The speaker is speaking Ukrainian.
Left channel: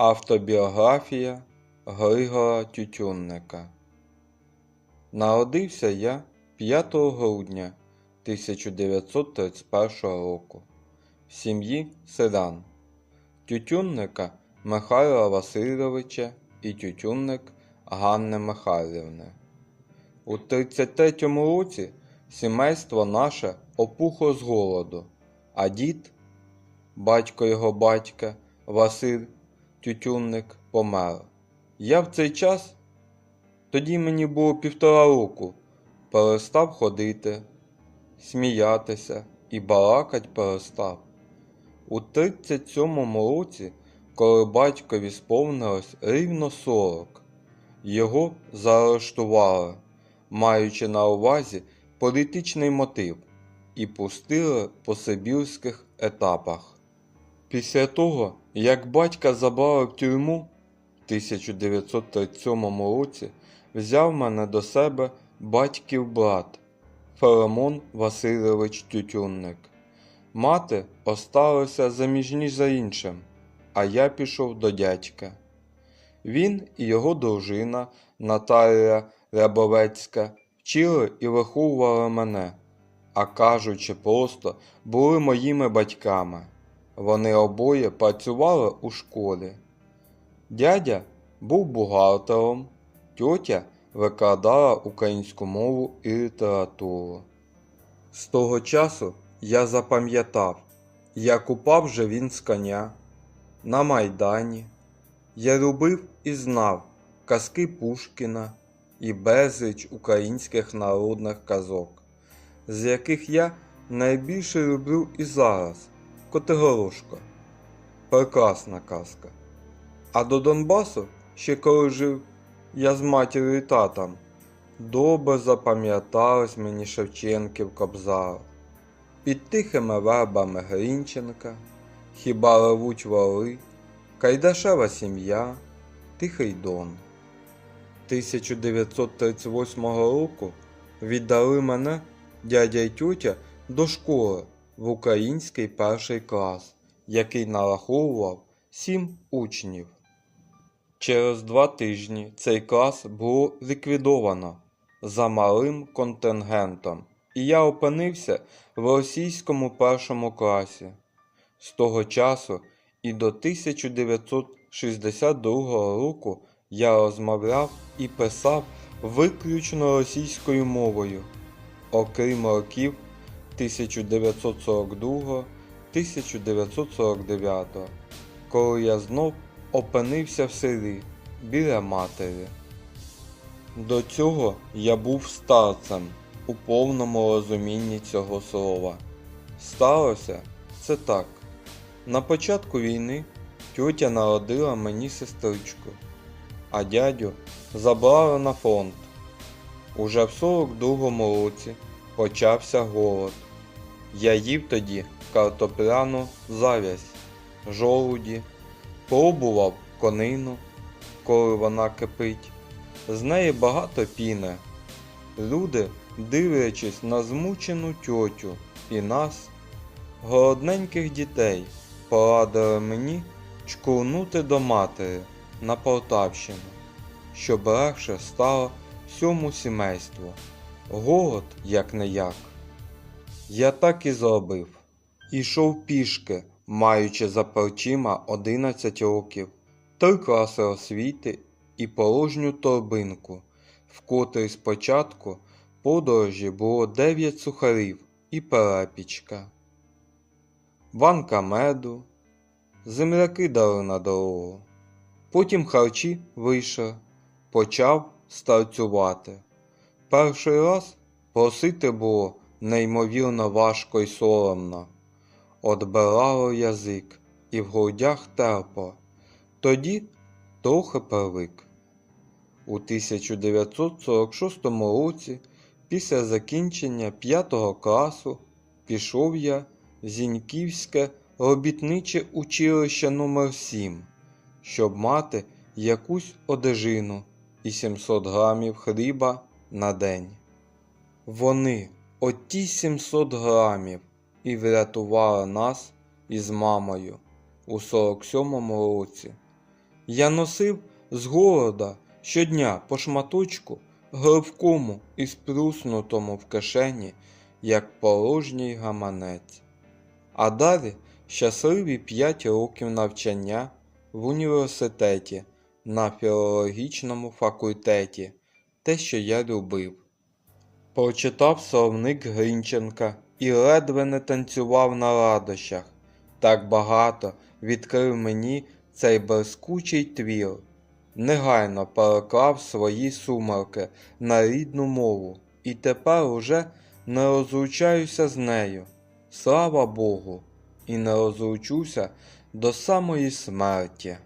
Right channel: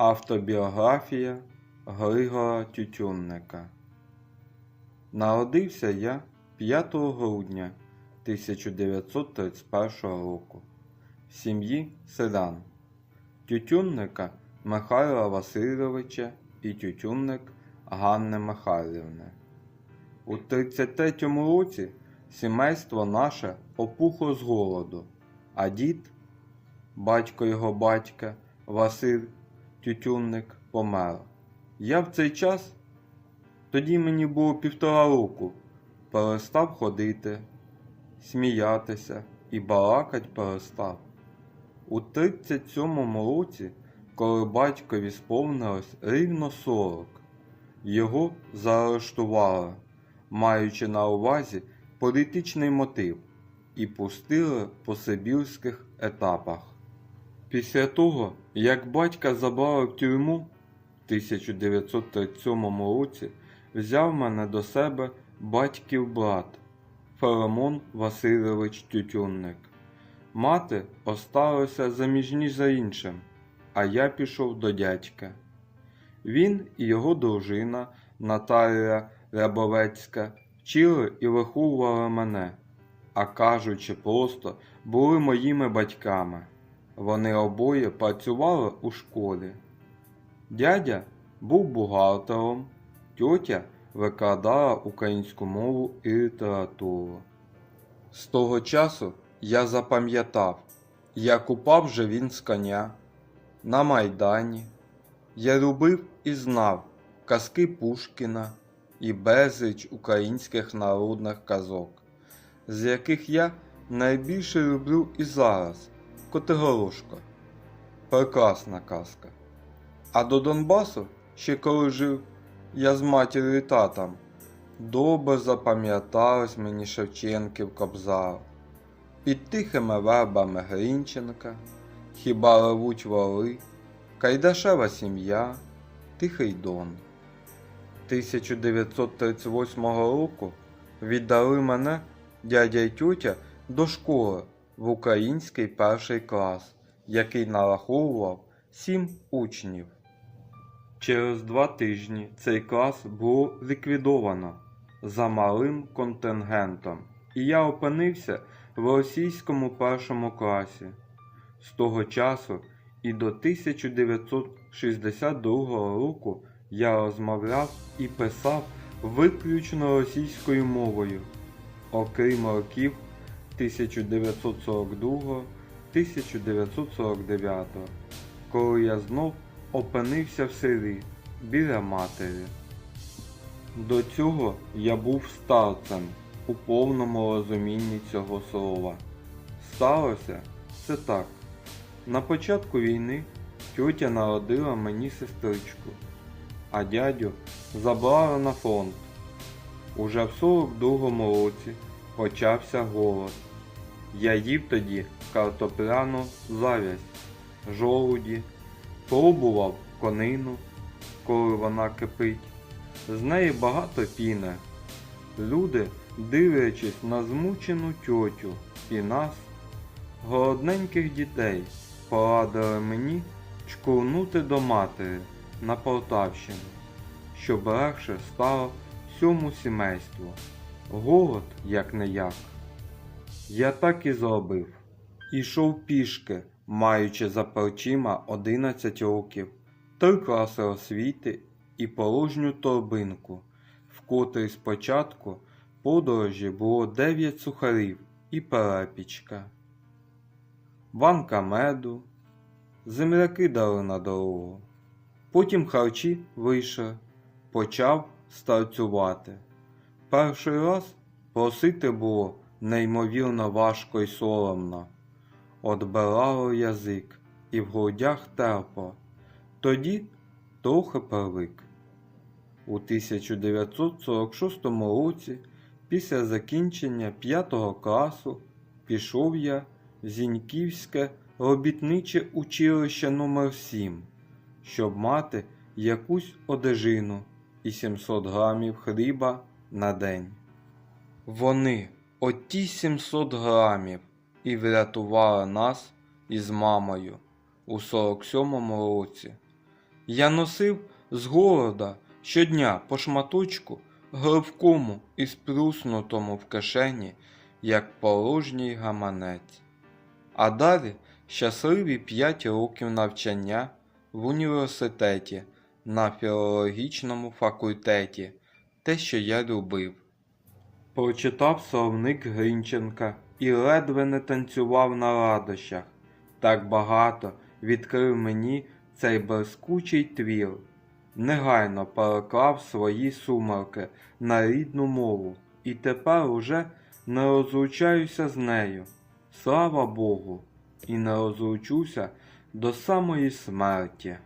Автобіографія Григора Тютюнника. Народився я 5 грудня 1931 року в сім'ї селян Тютюнника Михайла Васильовича і Тютюнник Ганни Михайлівни. У 33-му році сімейство наше опухло з голоду, а дід, батько його батька, Василь Тютюнник помер. Я в цей час, тоді мені було півтора року, перестав ходити, сміятися і балакать перестав. У 37-му році, коли батькові сповнилось рівно 40, його заарештували, маючи на увазі політичний мотив, і пустили по сибірських етапах. Після того, як батька забрали в тюрму в 1937 році, взяв мене до себе батьків брат Филимон Васильович Тютюнник. Мати осталася заміжніш за іншим, а я пішов до дядька. Він і його дружина Наталія Рябовецька вчили і виховували мене, а кажучи просто, були моїми батьками. Вони обоє працювали у школі. Дядя був бухгалтером, тьотя викладала українську мову і літературу. З того часу я запам'ятав, як упав же він з коня на Майдані. Я любив і знав казки Пушкіна і безліч українських народних казок, з яких я найбільше люблю і зараз Котигорошко. Прекрасна казка. А до Донбасу, ще коли жив я з матір'ю і татом, добре запам'ятались мені Шевченків Кобзар. Під тихими вербами Грінченка, хіба ревуть воли, Кайдашева сім'я, Тихий Дон. 1938 року віддали мене дядя й тютя до школи в український перший клас, який нараховував сім учнів. Через два тижні цей клас було ліквідовано за малим контингентом, і я опинився в російському першому класі. З того часу і до 1962 року я розмовляв і писав виключно російською мовою, окрім років 1942-1949, коли я знов опинився в селі біля матері. До цього я був старцем у повному розумінні цього слова. Сталося це так. На початку війни тьотя народила мені сестричку, а дядю забрали на фронт. Уже в 42-му році почався голод. Я їв тоді картопляну завязь, жолуді, пробував конину, коли вона кипить. З неї багато піни. Люди, дивлячись на змучену тьотю і нас, голодненьких дітей, порадили мені чкурнути до матері на Полтавщину, щоб легше стало всьому сімейству. Голод як не як. Я так і зробив. Ішов пішки, маючи за плечима 11 років, три класи освіти і порожню торбинку, в котрій спочатку подорожі було 9 сухарів і перепічка, банка меду, земляки дали на дорогу. Потім харчі вийшов, почав старцювати. Перший раз просити було неймовірно важко й соромно. Отбирало язик і в грудях терпо. Тоді трохи привик. У 1946 році, після закінчення 5 класу, пішов я в Зіньківське робітниче училище номер 7 щоб мати якусь одежину і 700 грамів хліба на день. Вони, оті 700 грамів, і врятували нас із мамою у 47-му році. Я носив з голода щодня по шматочку гливкому і спруснутому в кишені, як порожній гаманець. А далі щасливі п'ять років навчання в університеті на філологічному факультеті, те, що я любив. Прочитав словник Грінченка і ледве не танцював на радощах. Так багато відкрив мені цей блискучий твір. Негайно переклав свої сумерки на рідну мову і тепер уже не розлучаюся з нею. Слава Богу, і не розлучуся до самої смерті.